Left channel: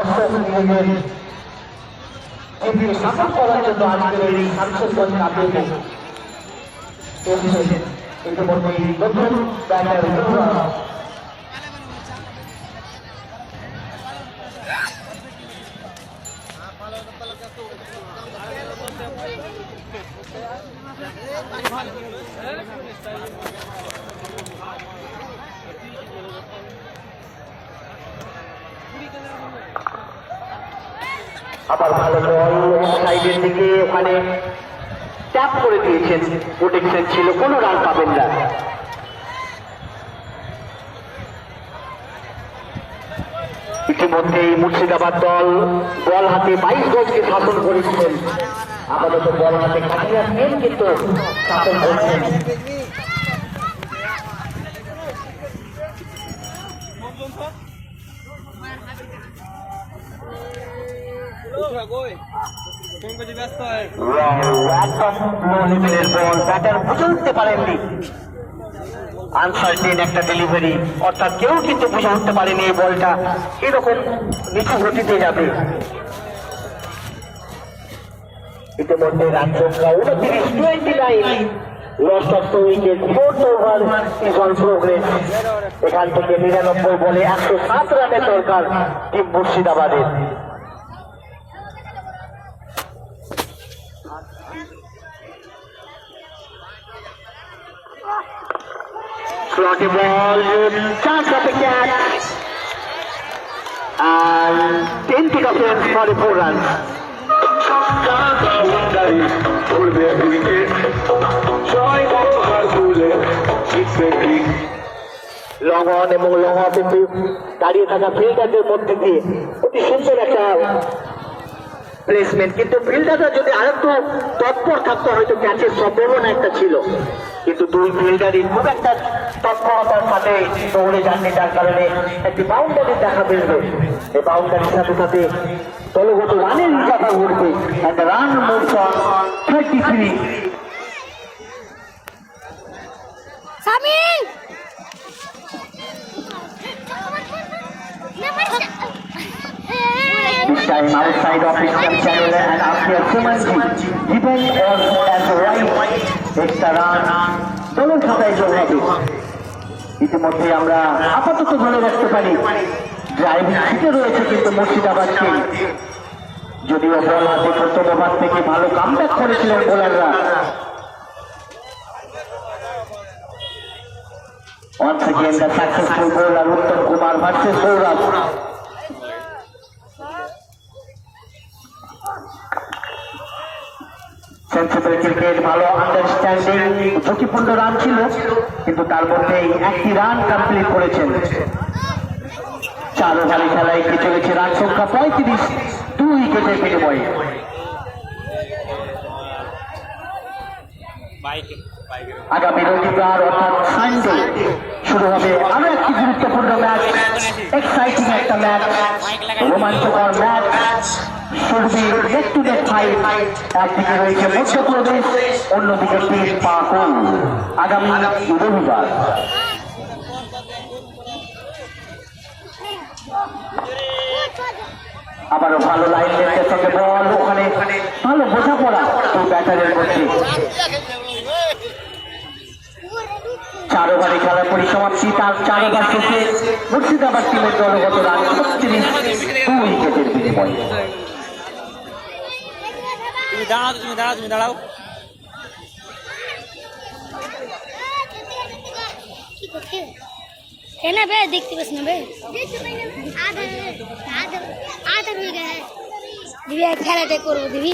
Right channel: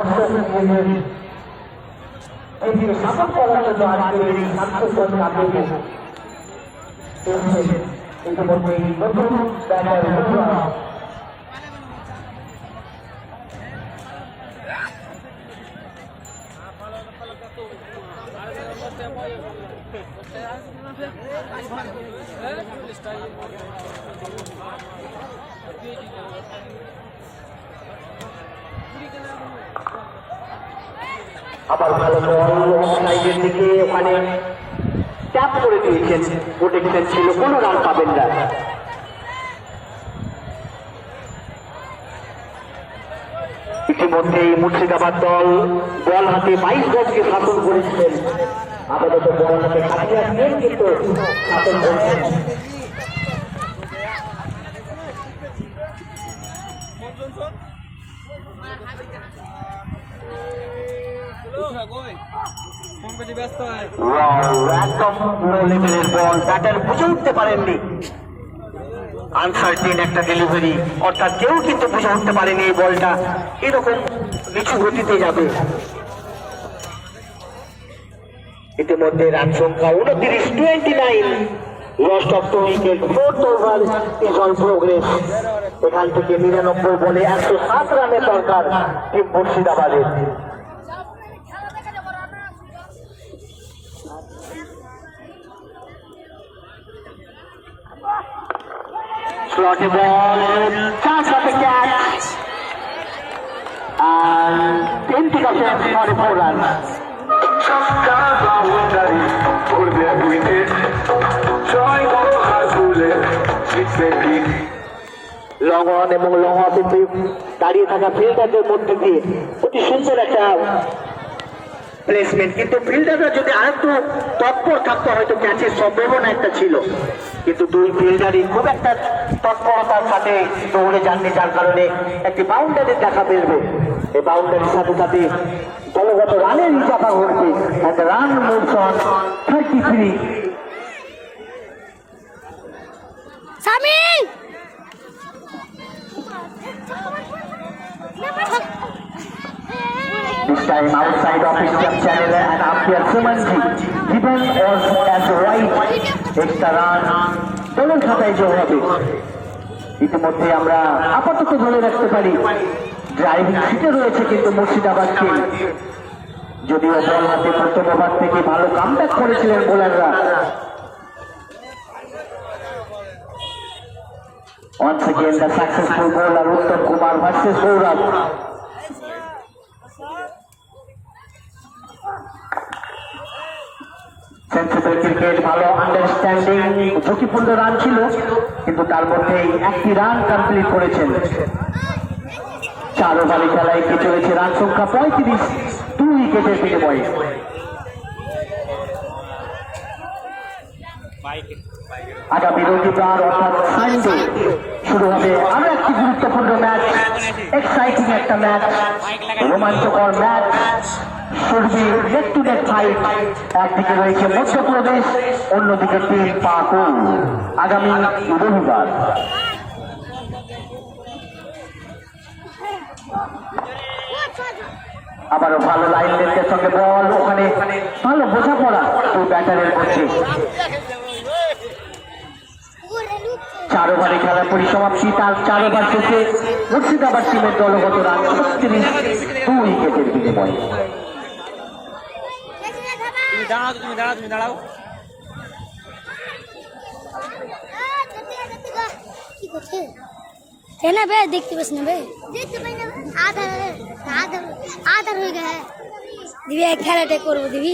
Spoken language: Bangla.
দর্শক নিজের সাপোর্ট করার জন্য আজকের এই সাংস্কৃতিক আন্দোলনে ইতিমধ্যে নতুন ব্যানার সাইডের দিকে ওখানে ট্যাপ করে দিয়েছেন, প্রোটেকশন ছিল, কোনো রান পাবেন না। ইতিমধ্যেই মুর্শিদাবাদ দল বল হাতে 22 গজকে শাসন করেছিলেন, আপাতত বল হাতে কাটিয়ে আসবেন কিন্তু শাসন করেছেন। বুঝতে পারেননি আনসার্টিন একটা ডেলিভারি, অর্থাৎ কেউ কিন্তু বুঝে উঠতে পারেনি এই বলটা এরকম নিচু গতিতে যাবে। ইতিমধ্যে রান সংখ্যা 29, lost of 2 wicket, 4th over is on progress. এখান থেকে 99 বলে 107 রানের দরকার টিম মুর্শিদাবাদের। Slotty ball, chance of the catch, and 10 pick-ups for 4 runs. Long on এবং লং অফ কিন্তু দাঁড়িয়ে থাকা ফিল্ডারদের মধ্যে দিয়ে অতি সুন্দর একটা প্লেসমেন্ট, কিন্তু ফিল্ডাররা যদি আরেকটু তৎপর থাকতো হয়তো ক্যাচের সম্ভাবনা একটা ছিল, কিন্তু দুই ফিল্ডারই খুব একটা তৎপরতার সাথে দৌড়ে যাননি, যার কারণে একটি বাউন্ডারির দেখা মিলবে। এই বাউন্ডারির সাথে সাথে দলগত রানের হিসাবে ঘটবে, run moves on 33। This time outside of Indian channel and after Sumanji given was as right extra run দলের খাতায় যোগ হবে। ইতিমধ্যে আমরা আপাতত ধরে রাখতে পারি ড্রাইভিং সিটে রয়েছে কিন্তু মুর্শিদাবাদ টিম, যদিও বল হাতে প্রথম ওভার থেকে ভালো কামব্যাক করেছিলেন বোলাররা। Once again the successful bowler Uttam Kumar versus Gaurav. Sensible cricket, ভালো আন্ডারস্ট্যান্ডিং, ঝুঁকিপূর্ণ রান ছিল কিন্তু তার মধ্যেই একটি রান কমপ্লিট করেছেন। 4 ওভারে খেলায় এগিয়ে চলেছে, রান সংখ্যা 35, 2 উইকেটের বিনিময়ে। আগামী রবিবার অর্থাৎ সানডে শুরু হবে আরো একটি গুরুত্বপূর্ণ ম্যাচ, এক্সাইটিং একটা ম্যাচ, রোমাঞ্চকর ম্যাচ, নেক টু নেক ফাইট। একদিকে রয়েছে মধ্যপ্রদেশ, অন্যদিকে টিম পাকুড়। আগামী রবিবার আবারও ভালো লাইন লেন্থের সঙ্গে বল, ওখানে ভালো বোঝাপড়া দুই ব্যাটারের মধ্যে। 4 ওভারে খেলার পরিসমাপ্তি, তার 4 ওভার শেষে মুর্শিদাবাদ টিমের দলগত রান 36, 2 উইকেটের বিনিময়ে। তুমি দাঁড়াও है ना बे, देखते बस ना बे, आधा हो गया है दिव्या, खेला करबो दिवी।